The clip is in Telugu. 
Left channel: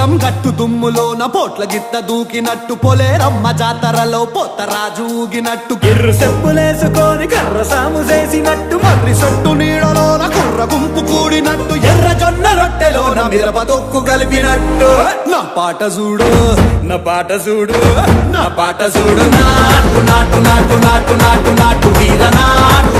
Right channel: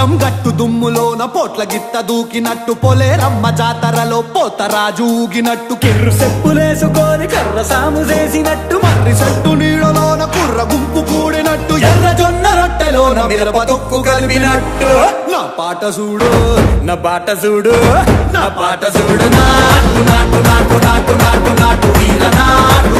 పొలం గట్టు దుమ్ములోన పోట్ల గిత్త దూకినట్టు పొలేరమ్మ జాతరలో పోతరాజు ఊగినట్టు కిర్రు చెప్పులేసుకొని కర్ర సాము చేసినట్టు మర్రి సొట్టు నీడలోన కుర్ర గుంపు కూడినట్టు ఎర్ర జొన్న రొట్టెలోన మిరప తొక్కు కలిపినట్టు నా పాట చూడు నా పాట చూడు నా పాట చూడు నాటు నాటు నాటు నాటు నాటు నాటు వీర నాటు